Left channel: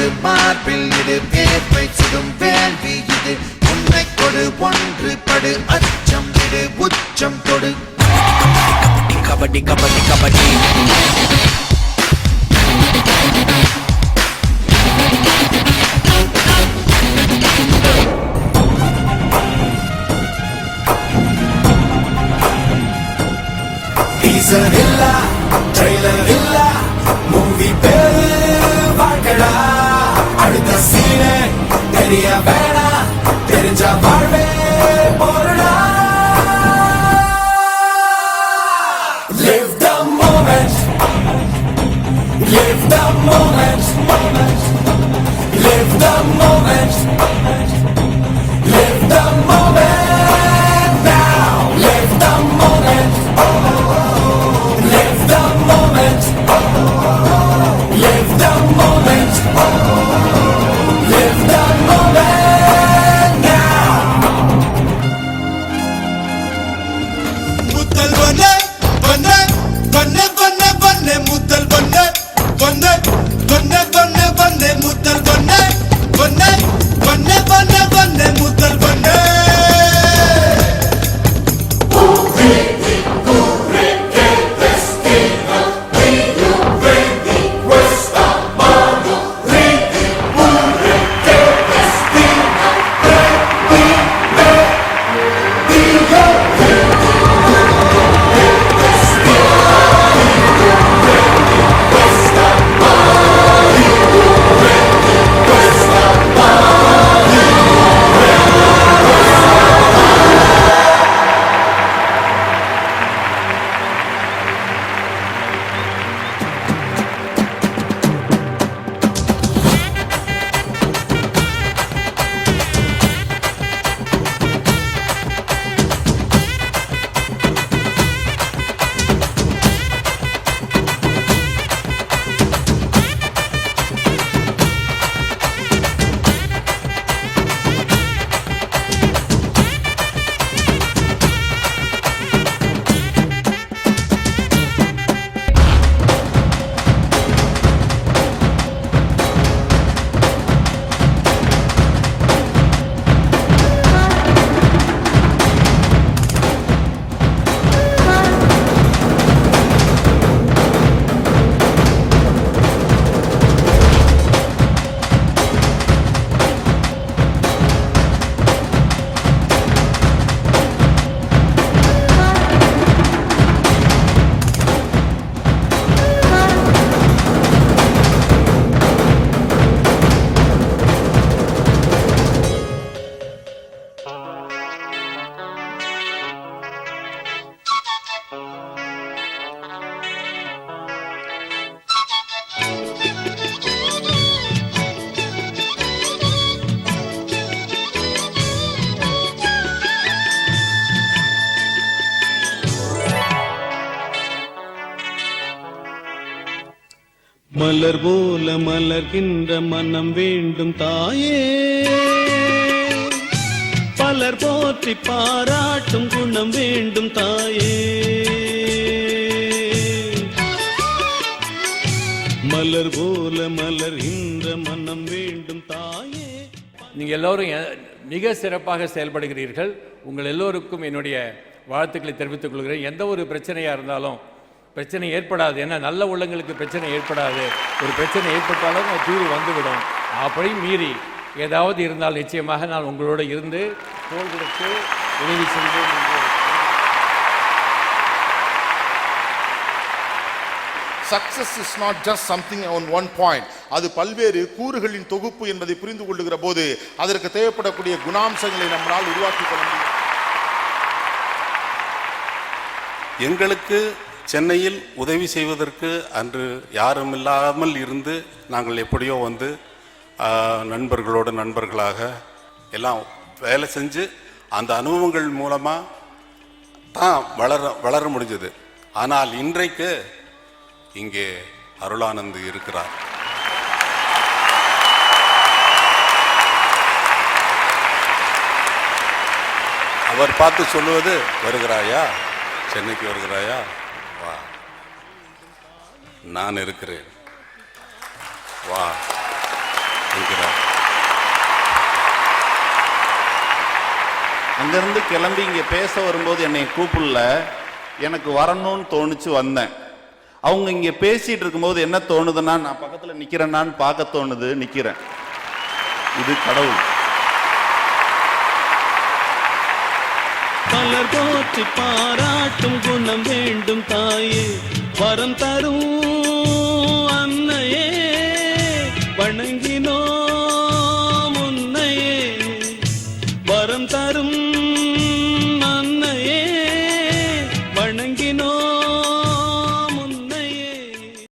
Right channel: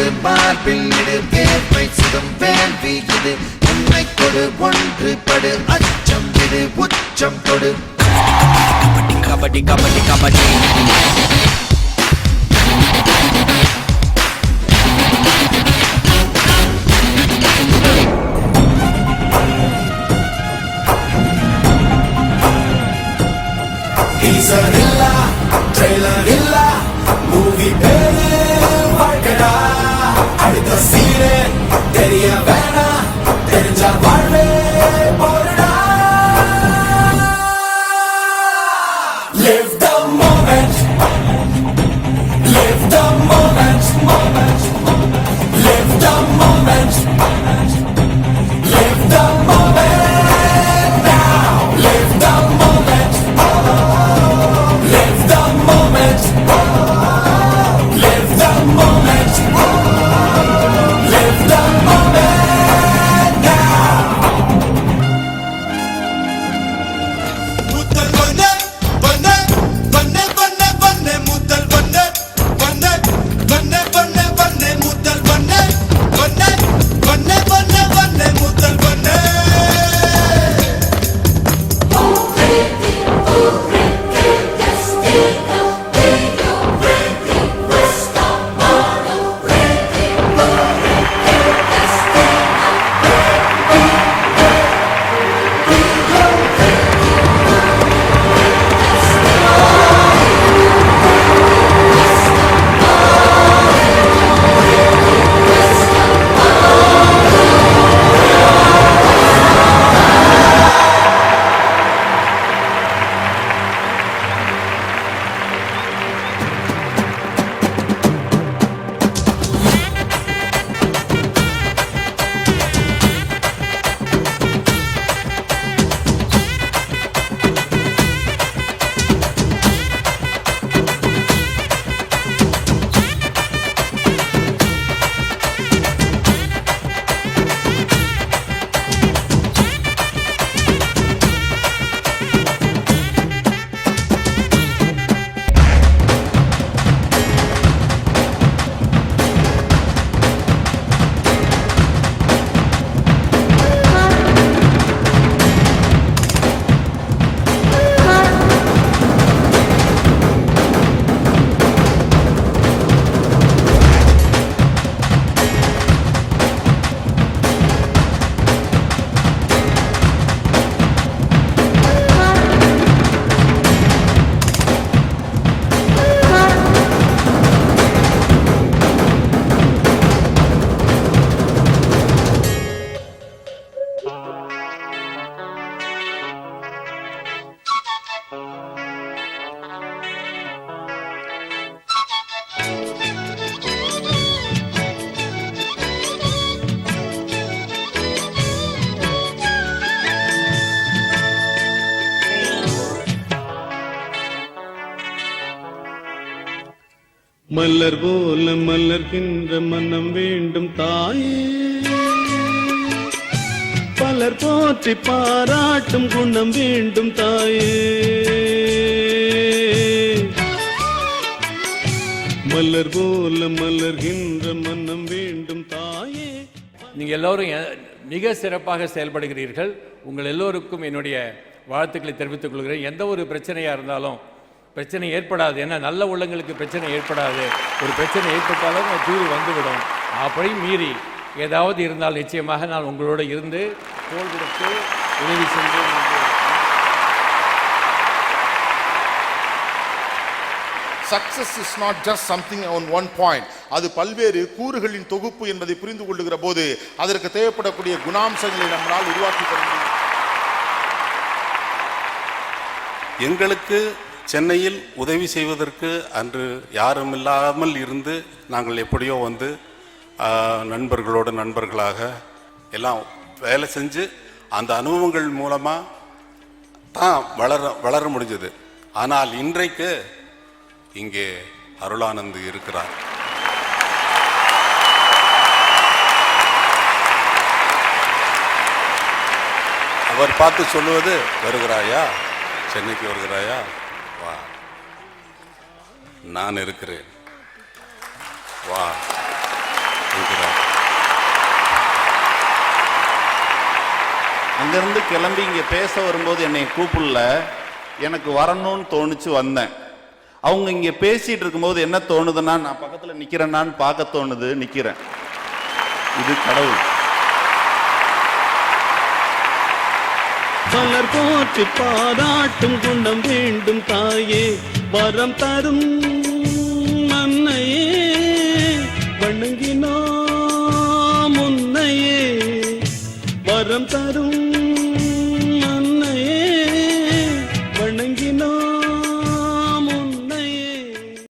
கொடு மார்பில் இடு வேர்வை சிறும் வேள்வி இது உன்னை கொடு ஒன்று படு அச்சம் விடு உச்சம் கொடு kabaddi kabaddi kabaddi Teaser illa, trailer illa, movie பேரு வாழ்க்கடா அடுத்த சீனே தெரிய வேணா தெரிஞ்ச வாழ்வே போறடா Live the moment Live the moment Live the moment Live the moment now Live the moment Live the moment Live the moment Live the moment now Mutal banne banne banne banne banne mutal banne banne banne banne banne mutal banne banne banne banne banne mutal banne மலர் போல மலர்கின்ற மனம் வேண்டும் தாயே பலர் போற்றி பாராட்டும் குணம் வேண்டும் தாயே மலர் போல மலர்கின்ற மனம் வேண்டும் தாயே. நீங்கள் எல்லோரும் மிக சிறப்பாக செயல்படுகிறீர்கள். உங்கள் எல்லோருக்கும் என்னுடைய வாழ்த்துக்களை தெரிவித்துக் கொள்கிறேன். எந்த ஒரு பிரச்சனையாக இருந்தாலும் பிரச்சனை ஏற்படாது. ஏன்னா நல்ல உள்ளங்களுக்கு பிரச்சனை ஏற்படாது. ஒரு பிரச்சனை ஏற்பட்டாலும் அது தீர்வு வந்துவிடும். அப்படி மீறி ஏதாவது இருந்தால் நிச்சயமாக நான் உங்களோட இருந்து தோள் கொடுத்து உதவி செய்வேன். Success is not just something on one point. அது பல்வேறு கூறுகளின் தொகுப்பு என்பதை புரிந்து கொள்ளுகிற போது அதற்கு தேவைப்படக்கூடிய குணாம்சங்களை நம்மால் உருவாக்கி கொள்ள முடியும். எங்களுக்கு சென்னையில் உதவி செய்வதற்கு அன்று யாரும் இல்லாமல் இருந்து நாங்கள் எப்படியோ வந்து நண்பர்களோடு நண்பர்களாக எல்லாம் வேலை செஞ்சு அந்த அனுபவங்கள் மூலமாக தான் வளர முடிஞ்சது. ஆனால் இன்றைக்கு இங்கே அருளானந்த் இருக்கிறார். அவர் பார்த்து சொல்லுவது, வருகிறாயா, சென்னைக்கு வருகிறாயா, வா, நான் இருக்கிறேன், வா. என்கிறார். அங்கிருந்து கிளம்பி இங்க பேச வரும்போது என்னை கூப்பிடல, எனக்கு வரணும்னு தோணுச்சு, வந்தேன். அவங்க இங்க பேசிட்டு இருக்கும்போது என்ன தோணுதுன்னா, நான் பக்கத்துல நிக்கிறேன்னான்னு பார்க்க தோணுது, நிக்கிறேன். இது கடவுள். பலர் போற்றி பாராட்டும் குணம் வேண்டும்.